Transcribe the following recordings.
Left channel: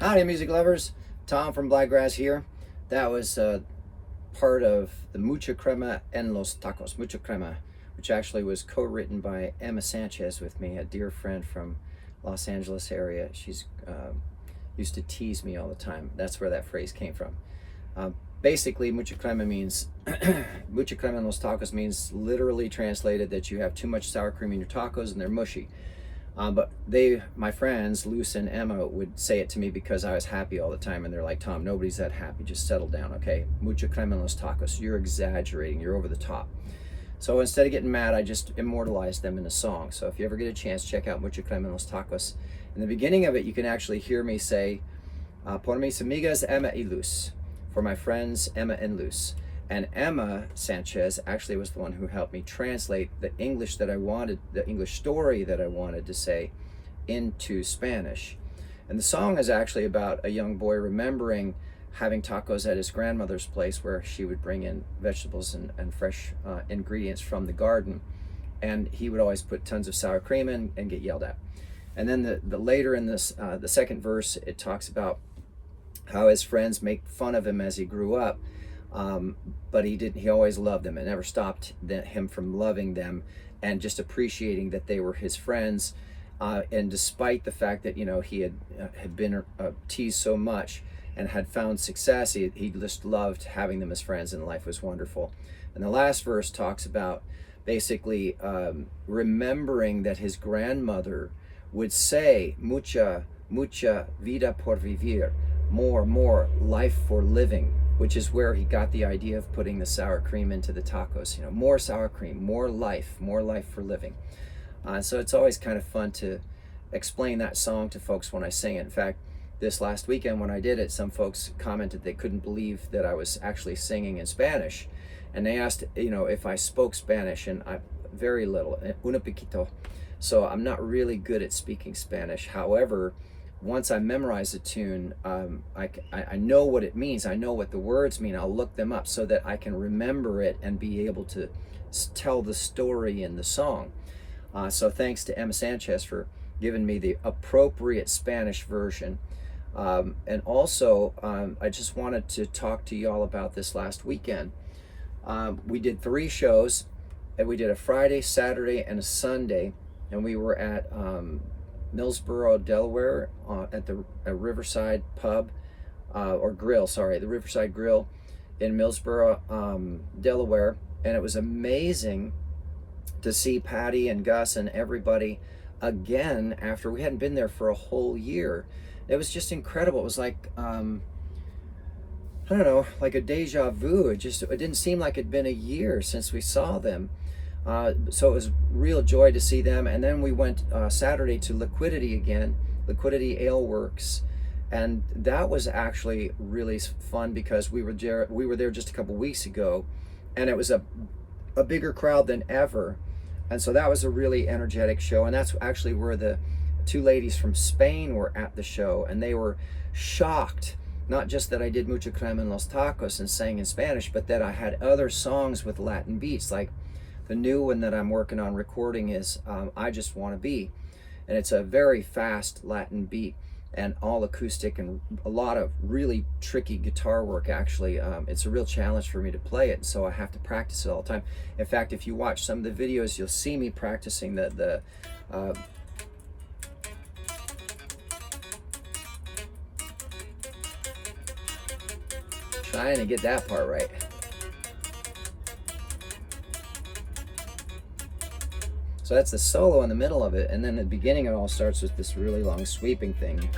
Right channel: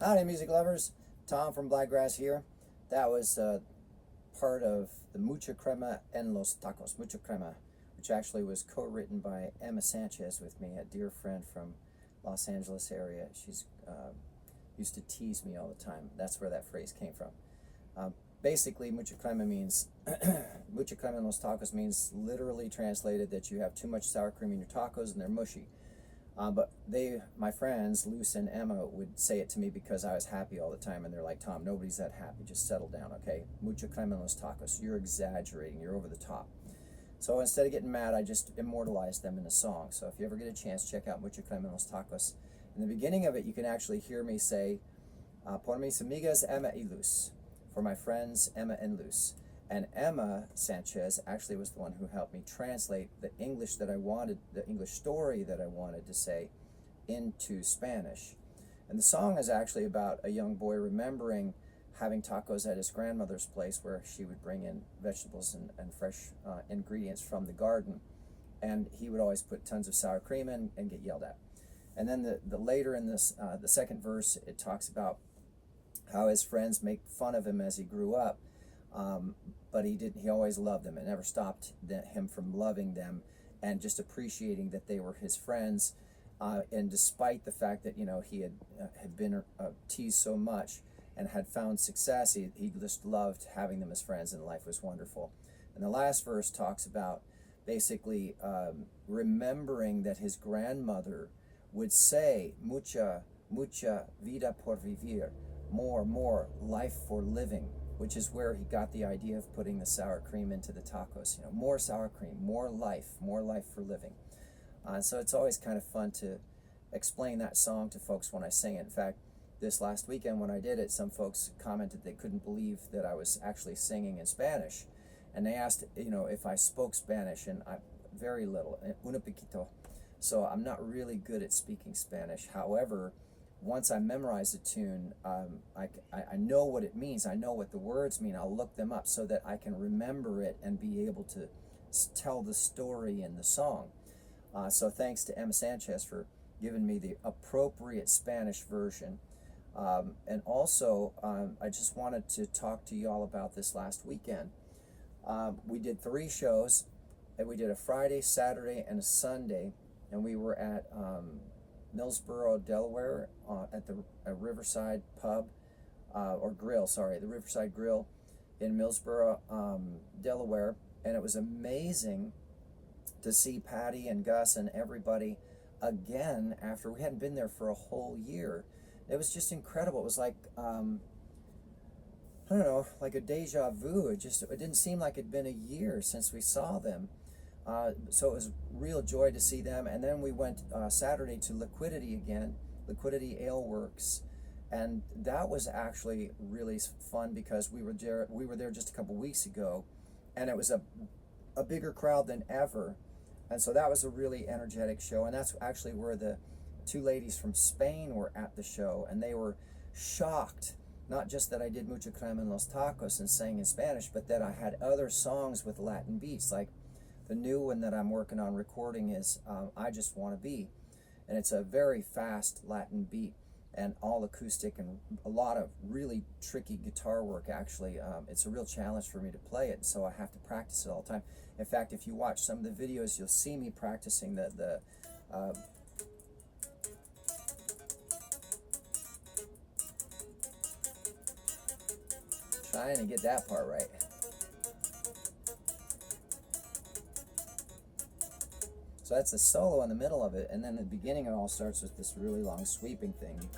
Howdy, music lovers. Tom from Blakgraz here. That was part of the Mucha Crema en los Tacos, Mucha Crema, which actually was co-written by Emma Sanchez with me, a dear friend from Los Angeles area. She's used to tease me all the time. That's where that phrase came from. Basically, Mucha Crema means, Mucha Crema en los Tacos means literally translated that you have too much sour cream in your tacos and they're mushy. But my friends, Luce and Emma, would say it to me because I was happy all the time, and they're like, Tom, nobody's that happy, just settle down, okay? Mucha crema en los tacos, you're exaggerating, you're over the top. So instead of getting mad, I just immortalized them in a song. So if you ever get a chance, check out Mucha Crema en los Tacos. In the beginning of it, you can actually hear me say, por mis amigas Emma y Luz, for my friends Emma and Luz. And Emma Sanchez actually was the one who helped me translate the English that I wanted, the English story that I wanted to say into Spanish. And the song is actually about a young boy remembering having tacos at his grandmother's place where she would bring in vegetables and fresh ingredients from the garden. And he would always put tons of sour cream in and get yelled at. And then the later in this, the second verse, it talks about how his friends make fun of him as he grew up. But he always loved them. It never stopped him from loving them and just appreciating that they were his friends. And despite the fact that, he had been teased so much and had found success, he just loved having them as friends, and life was wonderful. And the last verse talks about basically remembering that his grandmother would say, mucha vida por vivir, more life for living, which is where he got the idea of putting the sour cream into the tacos. More sour cream, more life for living. So it's always kind of fun to explain that song to folks when I sing it. In fact, this last weekend when I did it, some folks commented they couldn't believe that I was actually singing in Spanish. And they asked, if I spoke Spanish, and I very little, una poquito. So I'm not really good at speaking Spanish. However, once I memorize a tune, I know what it means. I know what the words mean. I'll look them up so that I can remember it and be able to tell the story in the song. So thanks to Emma Sanchez for giving me the appropriate Spanish version. And also, I just wanted to talk to y'all about this last weekend. We did 3 shows, and we did a Friday, Saturday, and a Sunday, and we were at Millsboro, Delaware, at the Riverside Pub, or Grill, sorry, the Riverside Grill in Millsboro, Delaware. And it was amazing to see Patty and Gus and everybody again after we hadn't been there for a whole year. It was just incredible. It was like, I don't know, like a deja vu. It didn't seem like it'd been a year since we saw them. So it was real joy to see them. And then we went Saturday to Liquidity again, Liquidity Ale Works, and that was actually really fun because we were there just a couple weeks ago, and it was a bigger crowd than ever. And so that was a really energetic show, and that's actually where the 2 ladies from Spain were at the show, and they were shocked, not just that I did Mucha Crema en los Tacos and sang in Spanish, but that I had other songs with Latin beats. Like the new one that I'm working on recording is I Just Want to Be. And it's a very fast Latin beat and all acoustic and a lot of really tricky guitar work, actually. It's a real challenge for me to play it, so I have to practice it all the time. In fact, if you watch some of the videos, you'll see me practicing the trying to get that part right. So that's the solo in the middle of it, and then the beginning it all starts with this really long sweeping thing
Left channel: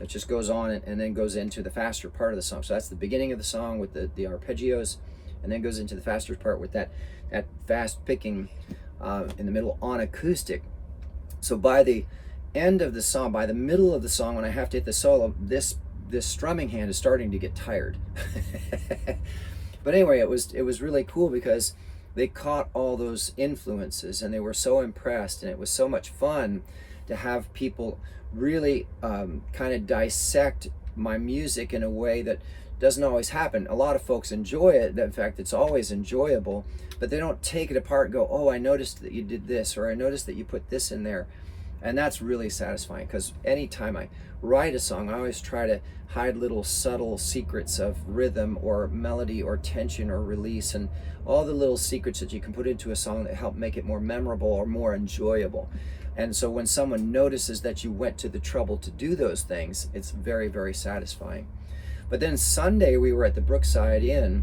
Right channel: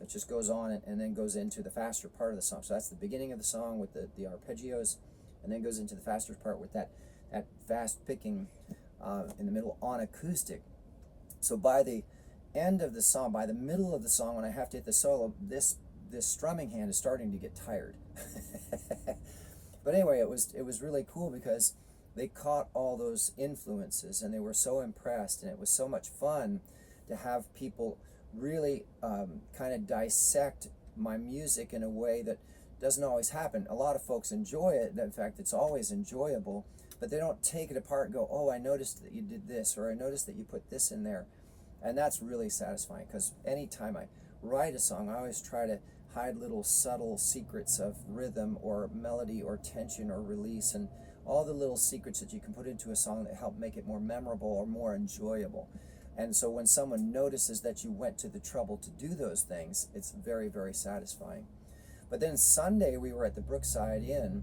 that just goes on and then goes into the faster part of the song. So that's the beginning of the song with the arpeggios, and then goes into the faster part with that fast picking in the middle on acoustic. So by the end of the song, by the middle of the song, when I have to hit the solo, this strumming hand is starting to get tired. But anyway, it was really cool because they caught all those influences and they were so impressed, and it was so much fun to have people really kind of dissect my music in a way that doesn't always happen. A lot of folks enjoy it. In fact, it's always enjoyable, but they don't take it apart and go, oh, I noticed that you did this, or I noticed that you put this in there. And that's really satisfying, because anytime I write a song, I always try to hide little subtle secrets of rhythm or melody or tension or release, and all the little secrets that you can put into a song that help make it more memorable or more enjoyable. And so when someone notices that you went to the trouble to do those things, it's very, very satisfying. But then Sunday we were at the Brookside Inn,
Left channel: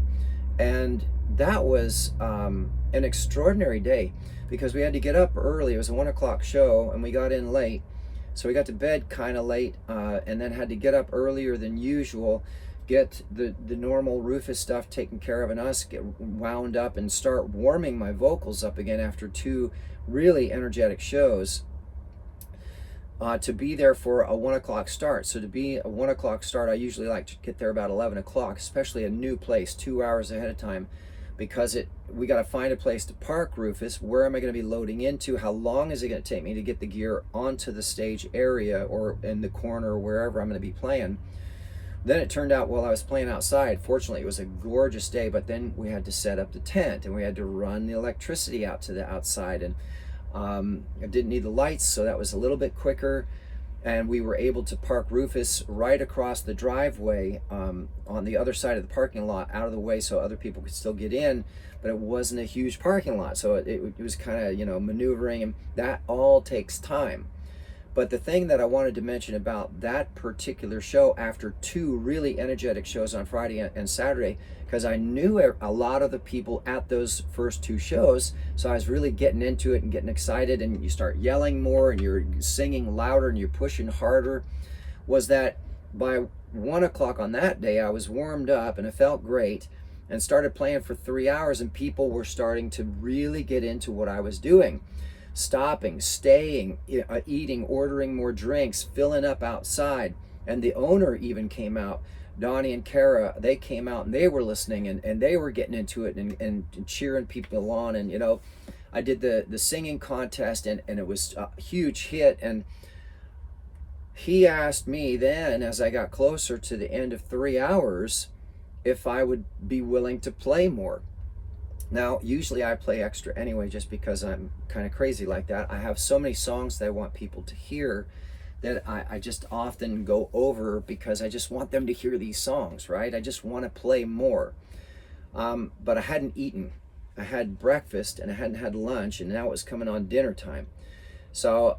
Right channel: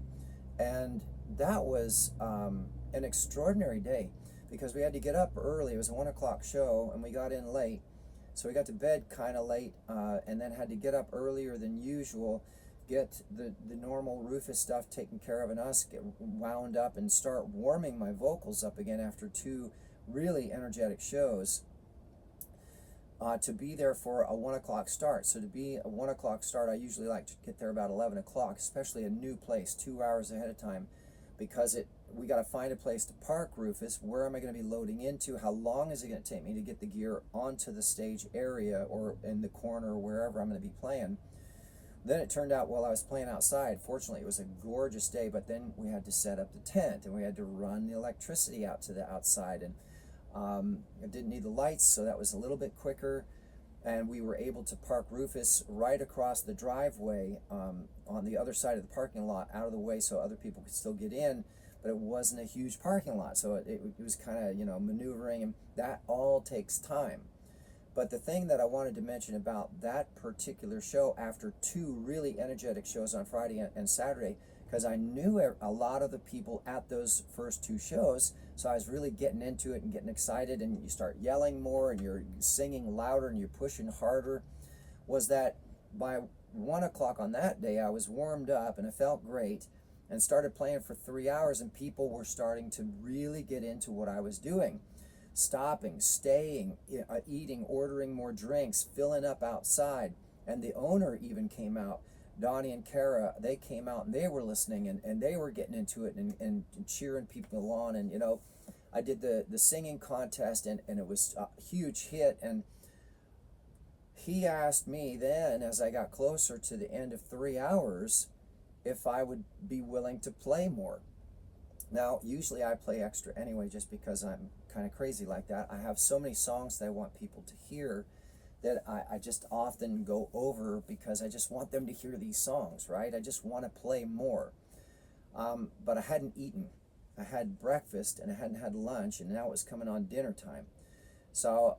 and that was an extraordinary day, because we had to get up early. It was a 1 o'clock show, and we got in late. So we got to bed kind of late, and then had to get up earlier than usual, get the normal Rufus stuff taken care of, and us get wound up and start warming my vocals up again after 2 really energetic shows, to be there for a 1 o'clock start. So to be a 1 o'clock start, I usually like to get there about 11 o'clock, especially a new place, 2 hours ahead of time, because we got to find a place to park Rufus. Where am I going to be loading into? How long is it going to take me to get the gear onto the stage area or in the corner or wherever I'm going to be playing? Then it turned out, while I was playing outside, fortunately it was a gorgeous day, but then we had to set up the tent, and we had to run the electricity out to the outside, and I didn't need the lights, so that was a little bit quicker. And we were able to park Rufus right across the driveway, on the other side of the parking lot, out of the way, so other people could still get in, but it wasn't a huge parking lot, so it was kind of, maneuvering, and that all takes time. But the thing that I wanted to mention about that particular show, after 2 really energetic shows on Friday and Saturday, because I knew a lot of the people at those first 2 shows, so I was really getting into it and getting excited, and you start yelling more, and you're singing louder, and you're pushing harder, was that by 1 o'clock on that day, I was warmed up, and it felt great, and started playing for 3 hours, and people were starting to really get into what I was doing. Stopping, staying, eating, ordering more drinks, filling up outside. And the owner even came out. Donnie and Kara, they came out, and they were listening, and they were getting into it, and cheering people on. And I did the singing contest, and it was a huge hit. And he asked me then, as I got closer to the end of 3 hours, if I would be willing to play more. Now, usually I play extra anyway, just because I'm kind of crazy like that. I have so many songs that I want people to hear that I just often go over, because I just want them to hear these songs, right? I just want to play more. But I hadn't eaten. I had breakfast, and I hadn't had lunch, and now it was coming on dinner time. So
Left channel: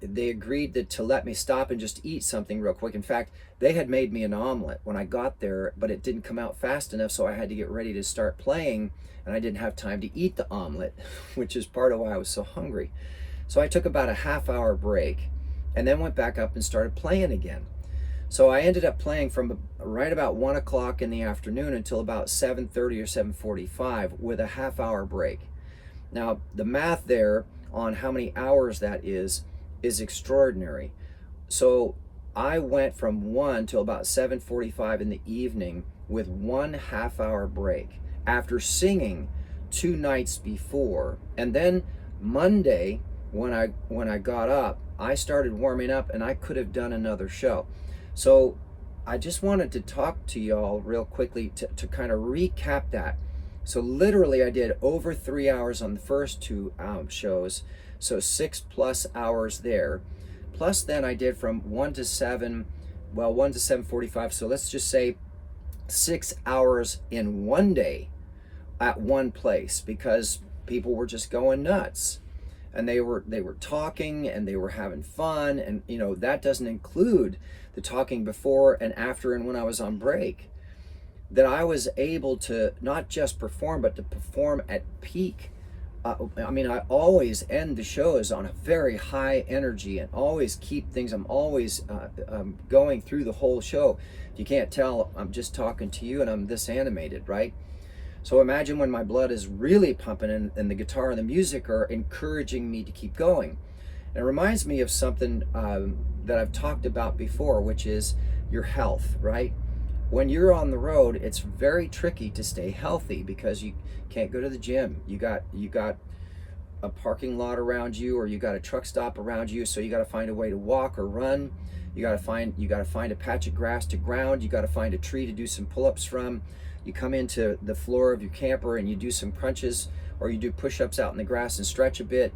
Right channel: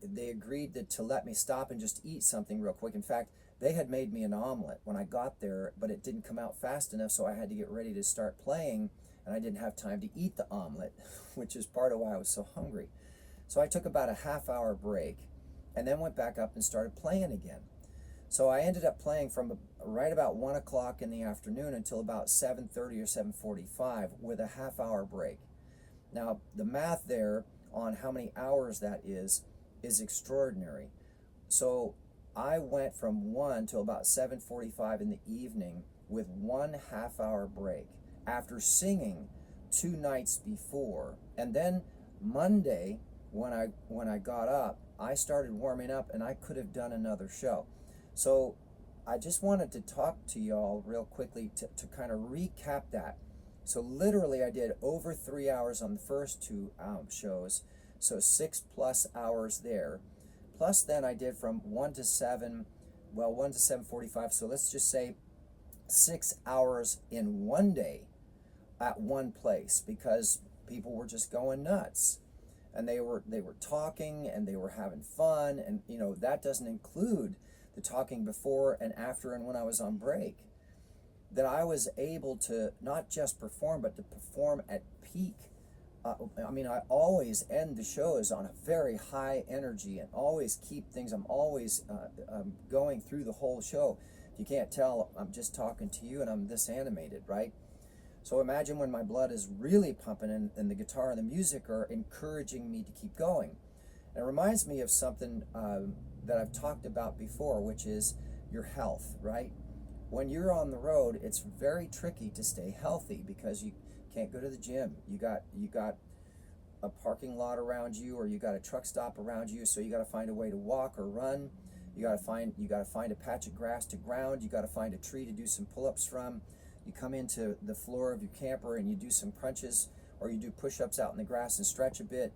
they agreed to let me stop and just eat something real quick. In fact, they had made me an omelet when I got there, but it didn't come out fast enough, so I had to get ready to start playing, and I didn't have time to eat the omelet, which is part of why I was so hungry. So I took about a half-hour break, and then went back up and started playing again. So I ended up playing from right about 1 o'clock in the afternoon until about 7:30 or 7:45, with a half-hour break. Now, the math there on how many hours that is extraordinary. So I went from 1 till about 7:45 in the evening with 1 half-hour break, after singing 2 nights before. And then Monday, when I got up, I started warming up, and I could have done another show. So I just wanted to talk to y'all real quickly to kind of recap that. So literally I did over 3 hours on the first 2 shows, so 6+ hours there. Plus then I did from 1 to 7, 1 to 7:45, so let's just say 6 hours in one day at one place, because people were just going nuts. And they were talking, and they were having fun, and that doesn't include the talking before and after and when I was on break. That I was able to not just perform, but to perform at peak. I always end the shows on a very high energy, and always keep things. I'm always going through the whole show. If you can't tell, I'm just talking to you, and I'm this animated, right? So imagine when my blood is really pumping, and the guitar and the music are encouraging me to keep going. And it reminds me of something that I've talked about before, which is your health, right? When you're on the road, it's very tricky to stay healthy, because you can't go to the gym. You got a parking lot around you, or you got a truck stop around you, so you got to find a way to walk or run. You got to find a patch of grass to ground. You got to find a tree to do some pull-ups from. You come into the floor of your camper, and you do some crunches, or you do push-ups out in the grass and stretch a bit.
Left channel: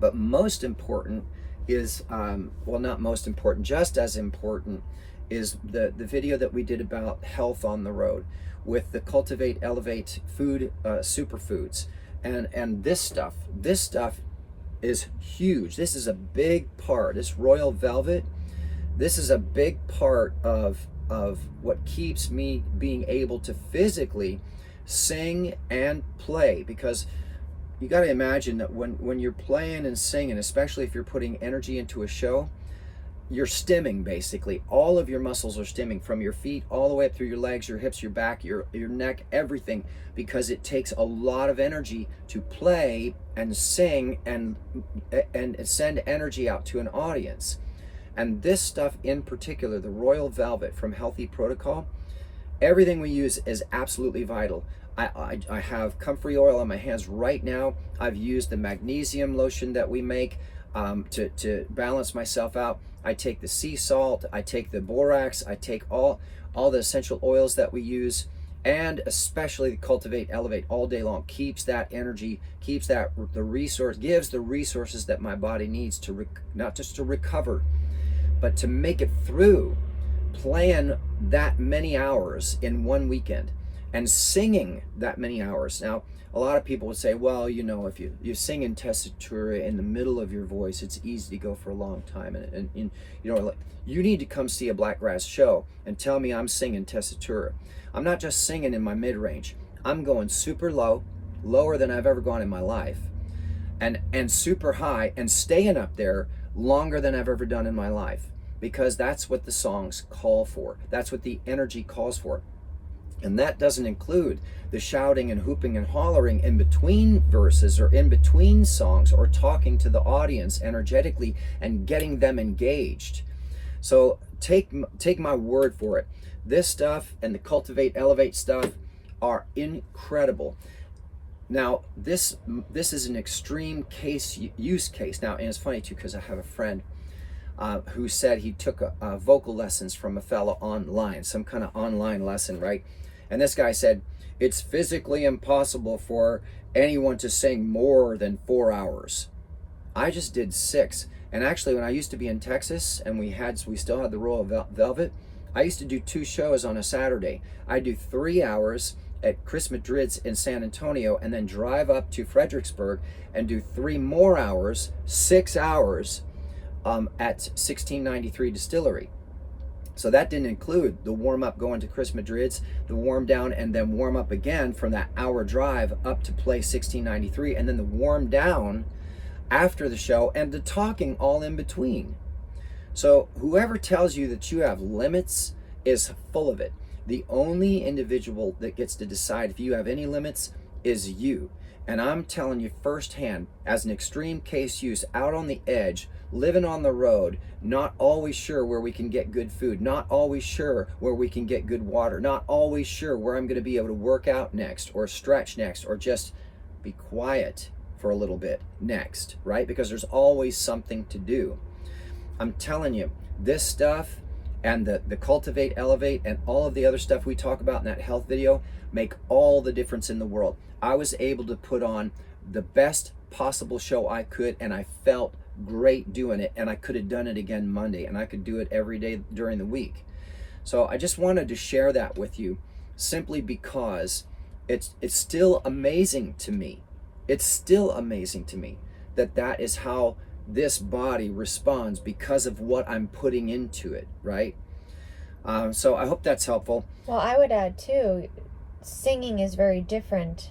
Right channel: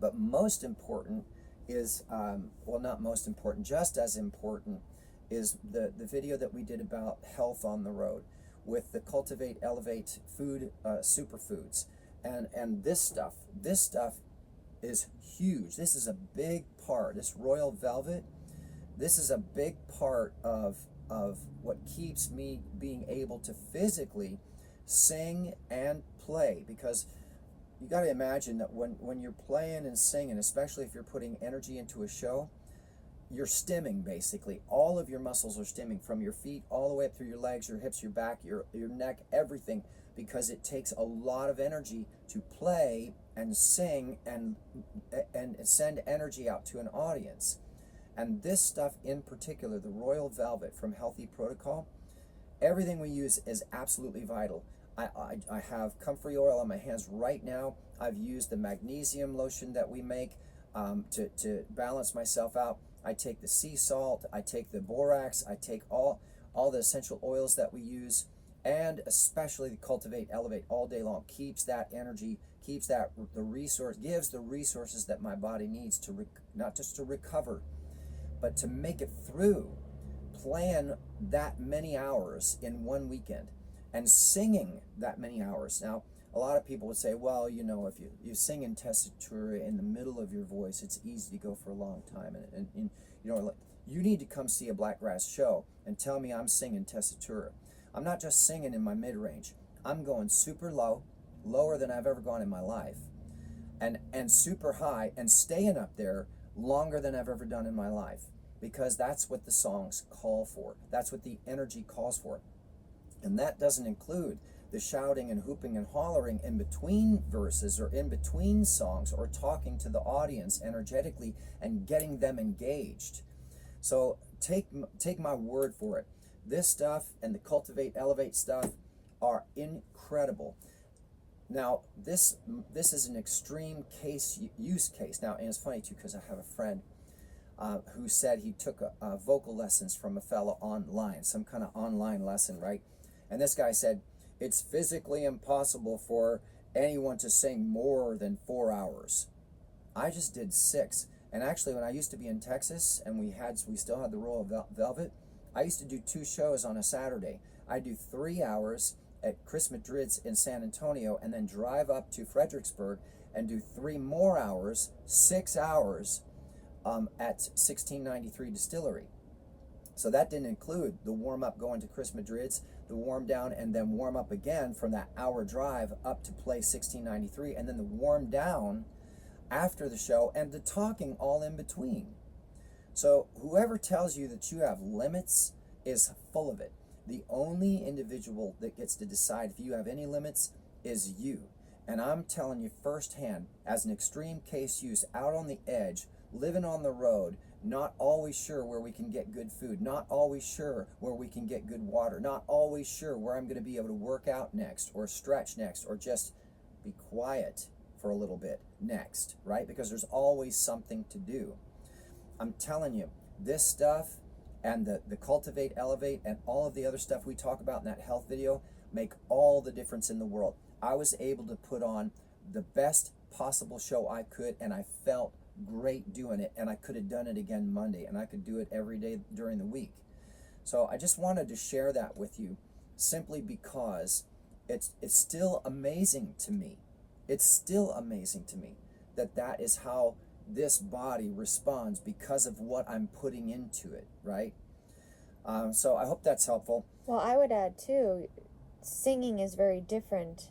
But most important is, well, not most important, just as important is the video that we did about health on the road with the Cultivate, Elevate food, superfoods. And this stuff is huge. This is a big part. This royal velvet, this is a big part of what keeps me being able to physically sing and play, because you got to imagine that when you're playing and singing, especially if you're putting energy into a show, you're stimming. Basically all of your muscles are stimming, from your feet all the way up through your legs, your hips, your back, your neck, everything, because it takes a lot of energy to play and sing and send energy out to an audience. And this stuff in particular, the royal velvet from Healthy Protocol, everything we use is absolutely vital. I have comfrey oil on my hands right now. I've used the magnesium lotion that we make to balance myself out. I take the sea salt, I take the borax, I take all the essential oils that we use, and especially the Cultivate Elevate all day long. Keeps that energy, keeps that the resource, gives the resources that my body needs to not just to recover, but to make it through playing that many hours in one weekend and singing that many hours. Now, a lot of people would say, well, you know, if you sing in tessitura in the middle of your voice, it's easy to go for a long time. And you know, like, you need to come see a Blakgraz show and tell me I'm singing tessitura. I'm not just singing in my mid-range. I'm going super low, lower than I've ever gone in my life, and super high, and staying up there longer than I've ever done in my life, because that's what the songs call for. That's what the energy calls for. And that doesn't include the shouting and hooping and hollering in between verses or in between songs, or talking to the audience energetically and getting them engaged. So take my word for it. This stuff and the Cultivate Elevate stuff are incredible. Now, this is an extreme use case. Now, and it's funny too, because I have a friend who said he took vocal lessons from a fellow online, some kind of online lesson, right? And this guy said, it's physically impossible for anyone to sing more than 4 hours. I just did 6. And actually, when I used to be in Texas and we still had the Royal Velvet, I used to do 2 shows on a Saturday. I'd do 3 hours at Chris Madrid's in San Antonio, and then drive up to Fredericksburg and do 3 more hours, 6 hours at 1693 Distillery. So that didn't include the warm up going to Chris Madrid's, the warm down, and then warm up again from that hour drive up to play 1693, and then the warm down after the show, and the talking all in between. So whoever tells you that you have limits is full of it. The only individual that gets to decide if you have any limits is you. And I'm telling you firsthand, as an extreme case use, out on the edge, living on the road, not always sure where we can get good food, not always sure where we can get good water, not always sure where I'm going to be able to work out next, or stretch next, or just be quiet for a little bit next, right? Because there's always something to do. I'm telling you, this stuff and the Cultivate, Elevate, and all of the other stuff we talk about in that health video make all the difference in the world. I was able to put on the best possible show I could, and I felt great doing it, and I could have done it again Monday, and I could do it every day during the week. So I just wanted to share that with you, simply because it's still amazing to me. It's still amazing to me that is how this body responds, because of what I'm putting into it, right? So I hope that's helpful. Well, I would add too, singing is very different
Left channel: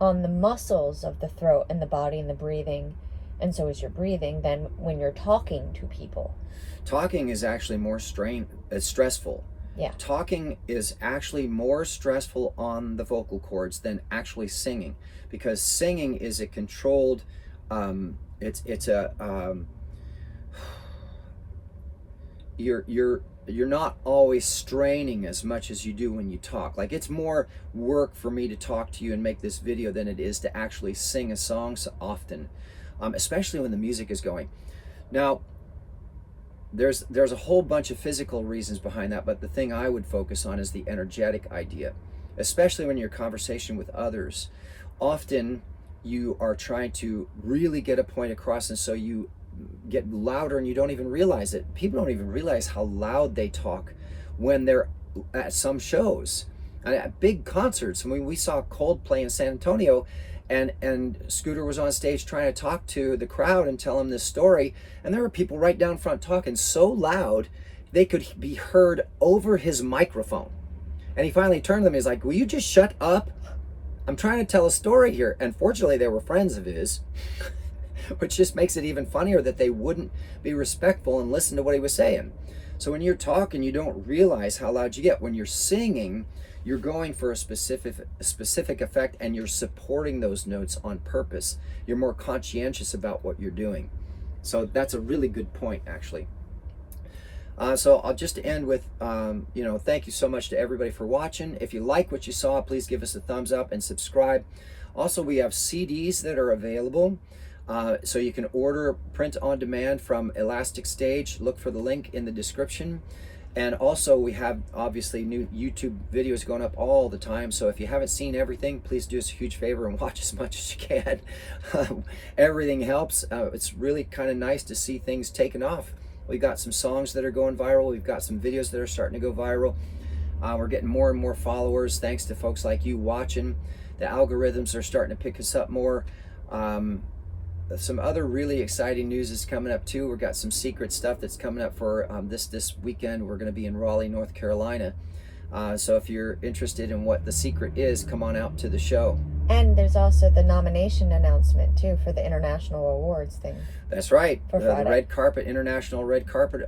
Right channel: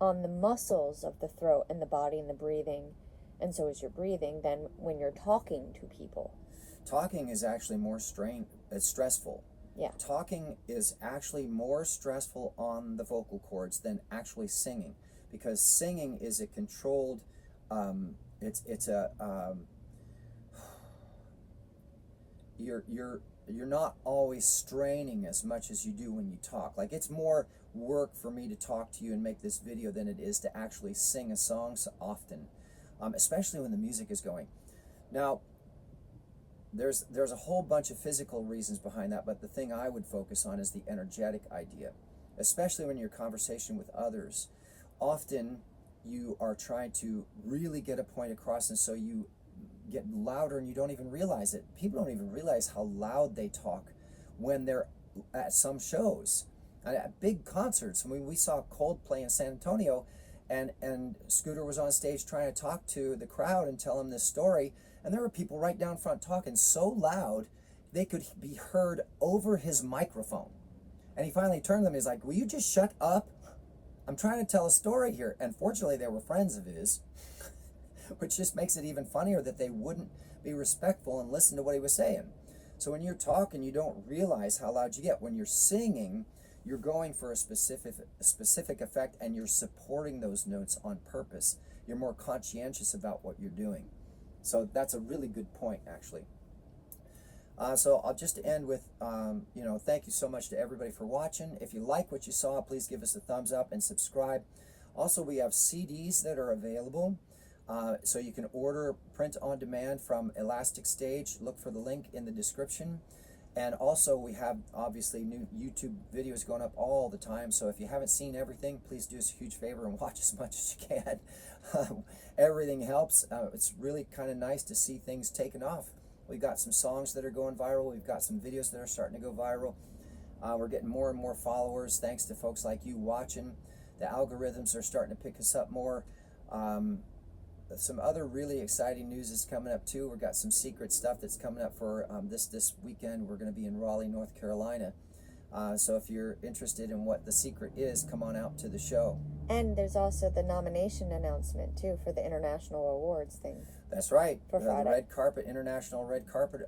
on the muscles of the throat and the body and the breathing, and so is your breathing, than when you're talking to people. Talking is actually more stressful. Yeah. Talking is actually more stressful on the vocal cords than actually singing, because singing is a controlled, you're not always straining as much as you do when you talk. Like, it's more work for me to talk to you and make this video than it is to actually sing a song so often, especially when the music is going. Now, there's a whole bunch of physical reasons behind that, but the thing I would focus on is the energetic idea, especially when you're in conversation with others. Often you are trying to really get a point across, and so you get louder and you don't even realize it. People don't even realize how loud they talk when they're at some shows, at big concerts. I mean, we saw Coldplay in San Antonio, and Scooter was on stage trying to talk to the crowd and tell them this story, and there were people right down front talking so loud they could be heard over his microphone. And he finally turned to them. He's like, "Will you just shut up? I'm trying to tell a story here." And fortunately, they were friends of his, which just makes it even funnier that they wouldn't be respectful and listen to what he was saying. So when you're talking, you don't realize how loud you get. When you're singing, you're going for a specific effect, and you're supporting those notes on purpose. You're more conscientious about what you're doing. So that's a really good point, actually. So I'll just end with, thank you so much to everybody for watching. If you like what you saw, please give us a thumbs up and subscribe. Also, we have CDs that are available. So you can order print on demand from Elastic Stage. Look for the link in the description. And also, we have obviously new YouTube videos going up all the time. So if you haven't seen everything, please do us a huge favor and watch as much as you can. Everything helps. It's really kind of nice to see things taken off. We've got some songs that are going viral. We've got some videos that are starting to go viral. We're getting more and more followers thanks to folks like you watching. The algorithms are starting to pick us up more. Some other really exciting news is coming up too. We've got some secret stuff that's coming up for this weekend. We're going to be in Raleigh, North Carolina. So if you're interested in what the secret is, come on out to the show. And there's also the nomination announcement too for the International Awards thing. That's right. For The Red Carpet, International Red Carpet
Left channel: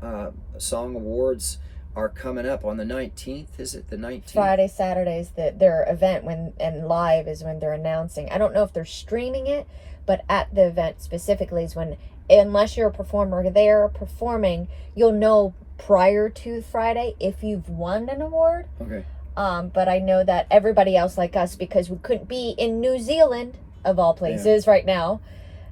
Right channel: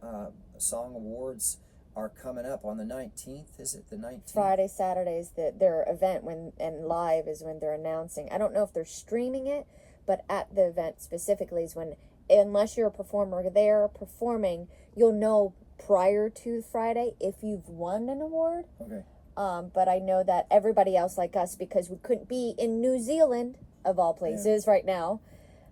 Song Awards are coming up on the 19th. Is it the 19th? Friday, Saturday's their event and live is when they're announcing. I don't know if they're streaming it, but at the event specifically is when, unless you're a performer there performing, you'll know prior to Friday if you've won an award. Okay. But I know that everybody else like us, because we couldn't be in New Zealand, of all places, right now,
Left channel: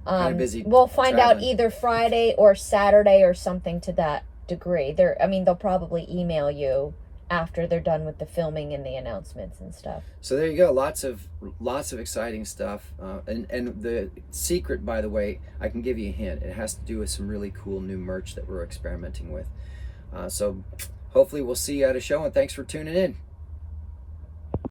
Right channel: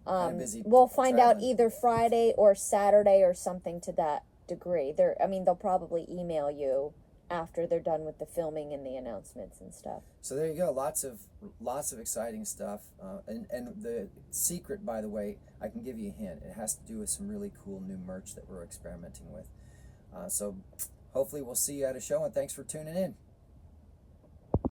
kind of busy we'll find traveling. out either Friday or Saturday or something to that degree. They'll probably email you after they're done with the filming and the announcements and stuff. So there you go. Lots of exciting stuff. And the secret, by the way, I can give you a hint. It has to do with some really cool new merch that we're experimenting with. So hopefully we'll see you at a show, and thanks for tuning in.